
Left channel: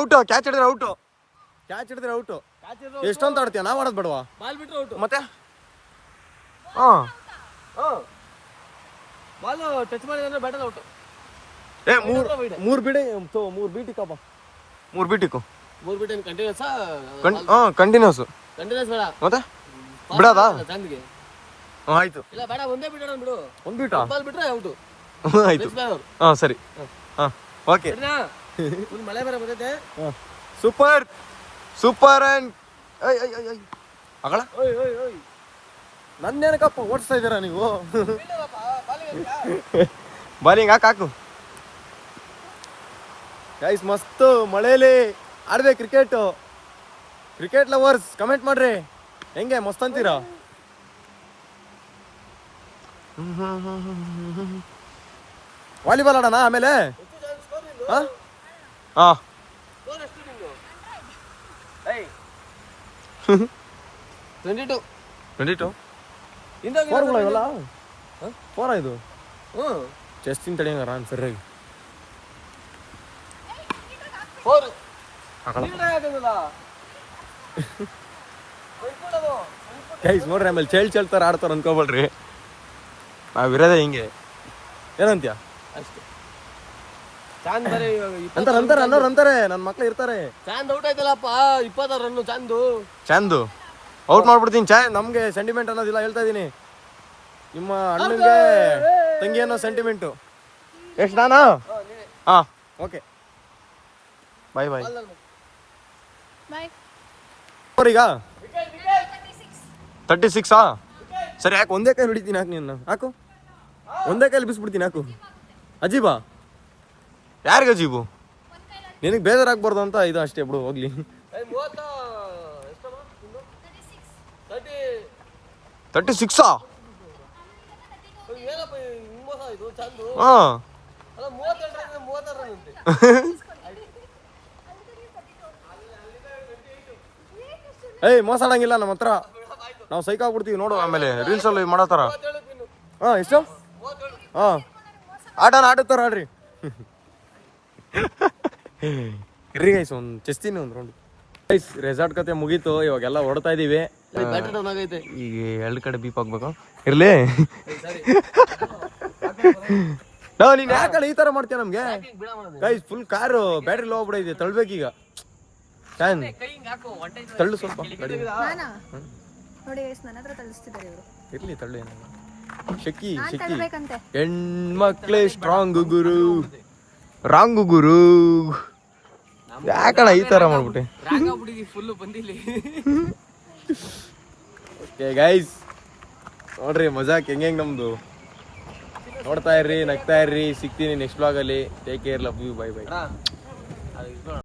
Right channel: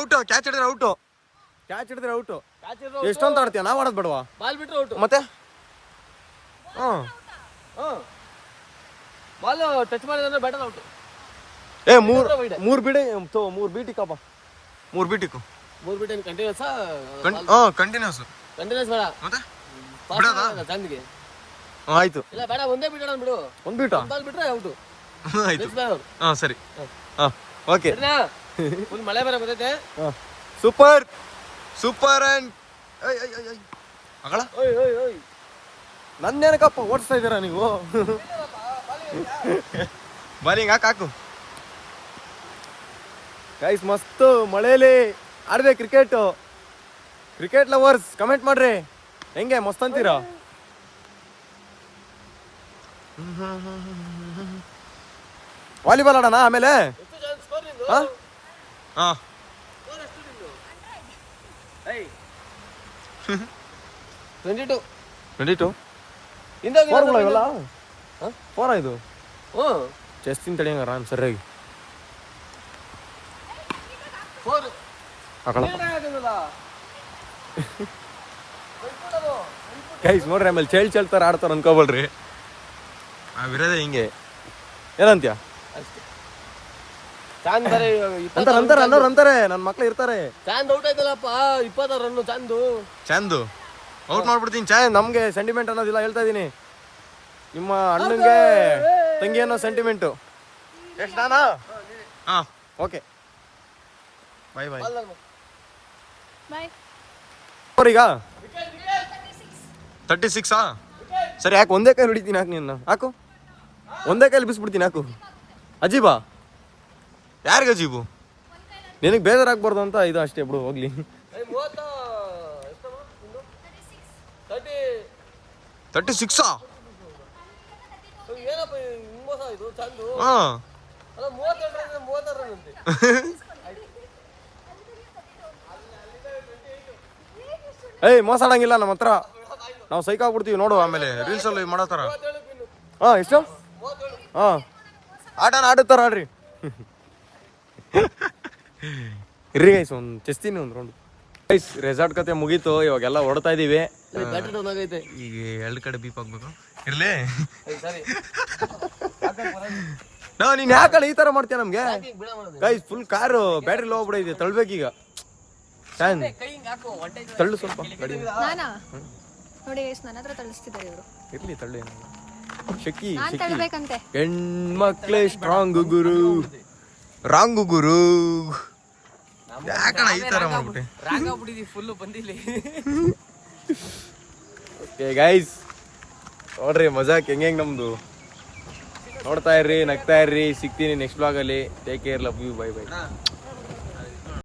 ಔಟು. ಎಷ್ಟೊಂತ ಆಡ್ತೀಯ? ನಾವ್ ಆಡೋದ್ ಬೇಡವಾ? ಬಾಲ್ ಬಿಟ್ರೆ ಔಟ್. ಮತ್ತೆ ಬಾಲ್ ಟಚ್ ಮಾಡಿದ್ರೆ ಬ್ಯಾಟರ್ ಔಟ್. ಏ ಮೂರ್ ಬೀಟಿಕಪ್ಪ. ಮೂರ್ ಬೀಟಿಕು ಕಂಟಿನ್ಯೂಸ್ ಕಂಟಿನ್ಯೂಸ್ ಬೇಡ ಮತ್ತೆ ಬಿಡೋದಾ? ಚಂದ್ಗೆ ಆಯ್ತು. ಇಲ್ಲ ಬೇಡ, ಒಂದೇ ಬಿಡೋಣ ಬಿಡು. ಒಂದ್ ಬೀಟಾ? ಬಾಲ್ ಬಿಟ್ರೆ ಔಟ್. ಆಯ್ತು. ಸರಿ ಓಕೆ. ಫುಲ್ ಮಳೆ ಬೇರೆ ಬರ್ತೈತೆ. ಸೂಪರ್ ಅಂಡ್ ಅಗಳ ನನ್ನೇನಕ್ಕಪ್ಪ ಓಡಿಸ್ತಾ ಇದ್ದೀರಾ ನೀವು? ಬಾಲಿಂಗ್ ಹಾಕು ಗೈಸ್. ಮಸ್ತ್ ಮಳೆಯಲ್ಲಿ ಆಡ್ಬೇಕು ಕ್ರಿಕೆಟ್ ಲವರ್ಸ್ ಕಮೆಂಟ್ ಮಾಡ್ರಿ ಹೆಂಗೆ ಮಸ್ತ್ ಅಂತೀರಾ? ವಾಲಿಬಾಲ್ ಆಡೋಣ ಆಮೇಲೆ. ಹಾ 22 ಫೋರ್ಗಳ ಇವೆಲ್ಲ? ಫೋರಾ ಇದು? ಚೆಸ್ಟ್ ತಿನ್ ತಡಿಯಂಗಾರ ನಾನು ಸರಿಯಾಗಿ ಗೈಸ್ ನೋಡ್ರಿ. ಆಮೇಲೆ ಚೇಳ್ತಾರ ಆಡ್ತಾರ ಅನ್ಕೋಬೇಡ್ರಿ, ನಾವಿರೋದೇ ಹಿಂಗೆ. ಏನಂತೀಯ? ಅಂತಾರೆ ನನ್ನ ಮಕ್ಳು ಇರ್ತಾರೆ. ಚಾಂದ್ ಔಟ್ ಆಯ್ತಲ್ಲಪ್ಪ. 26 ರನ್ನು ಚಾಂದು ಔಟ್ ಮಾಡ್ಬಿಡ್ತೀನಿ. ನಮ್ಗೆ ಸೆಂಟಿಮೆಂಟ್ ಅನ್ನೋದಿಲ್ಲ, ಹೇಳ್ತಾ ಇದೀನಿ. ನಿಮ್ಮ ಅಣ್ಣಂಗೆ ತಂಗಿ ಅನ್ನೋ ಸೆಂಟಿಮೆಂಟು. ಎಷ್ಟು ನಾನಾ? ಹಾ ಓಕೆ ಬಾಯ್. ಈಗ 36 ಸರಿ ಹಾಕು. ಒಂದೇ ಕೈಲಿ ಹೊಡಿತೀನಿ. ಹಾಕು ನಿನ್ನ ಹಾಕು. ಒಂದೇ ಕೈಲಿ ಬಿಸ್ಬಿಡ್ತೀನಿ. ಹಾಕು. ಅಜೀಬಾ? ಯಾರಿಗೆ ಅಜೀಬು? ನಿನಗೆ ಬೇಜಾರಾಗ್ಬಾರ್ದು ಅಂತ ಇದು ಅಷ್ಟೇ ಬಿಡು, ಹೋಗ್ಲಿ. 36 ಏನಪ್ಪ ಮೋಸ ಇದು ಚಂದು. ಹಾ ಅಲ್ಲ 32 ಅಂತೆ. ಏಯ್ ಮೋಸ ಆಡಂಗಿಲ್ಲ ನಮ್ಮ ಹತ್ರ, ನಾವು ಸೈಕ್ ಆಗ್ಬಿಡ್ತೀವಿ ನೋಡು. ಆಮೇಲೆ ರೀಲ್ಸ್ ಅಲ್ಲಿ ಮಾಡತ್ತಾರ. ಹಾ ಎಷ್ಟು? ಹಾ ಆಡುತ್ತಾರ ಆಡ್ರಿ. ಇರ್ರಿ ಗೈಸ್ ಒಂದು ಚೆಸ್ತೀನಿ ಒಂದು ರೌಂಡ್. ಗೈಸ್ ರೆಸಾರ್ಟ್ ಕತೆ ಮುಗೀತು, ಇವಾಗೆಲ್ಲ ಹೊಡ್ತಾ ಇದೀವಿ. ಬ್ಯಾಟರಿ ಡೌನ್ ಆಗೈತೆ. ಈಗ 2 ಕಡೆ ಬೀಪ್ ಆಗ್ಬೇಕು. ಇರ್ಲಿ ನಾವು ನೀನ್ ಯಾಕಲ್ಲ ಈ ತರ ಮಾಡ್ತೀಯ ನಮ್ಗೆ guys full car battery low ಆಗ್ಬಿಡೈತೆ ತಳ್ಬೇಕೀಗ ಫ್ಯಾನ್ ತಳ್ಳು ಸ್ವಲ್ಪ ಗಾಡಿ ನಾನಾ ನೋಡಿ ಎಷ್ಟು ನನ್ನ ಹತ್ರ ತಳಿಸ್ತಿದ್ದಾರೆ ಇವರು ಇರ್ಲಿ ತಳ್ಳು ಏನಾಗ ಶಕಿ ನಾನ್ ಶಕಿ ತಳ್ಬೇಕಂತೆ ಹೆಣ್ಮಕ್ಳೇ ಸ್ಟ್ರಾಂಗ್ ಗುರು ರಾಂಗು ಗುರು ಯಾಕಣ ಈ ತರ ಮಾಡ್ಬಿಟ್ಟೆ ಫುಲ್ಲು ಬಂದಿಲ್ಲ ಓಕೆ ಗೈಸ್ ನೋಡ್ರಿ ಮಜಾಕ್ ಹೆಂಗ್ ನಮ್ದು ನೋಡ್ತಾ ಇರ್ರಿ ನಗ್ತಾ ಇರ್ರಿ ಸಿಗ್ತೀನಿ ನೆಕ್ಸ್ಟ್ ವ್ಲಾಗಲ್ಲಿ take care love you bye by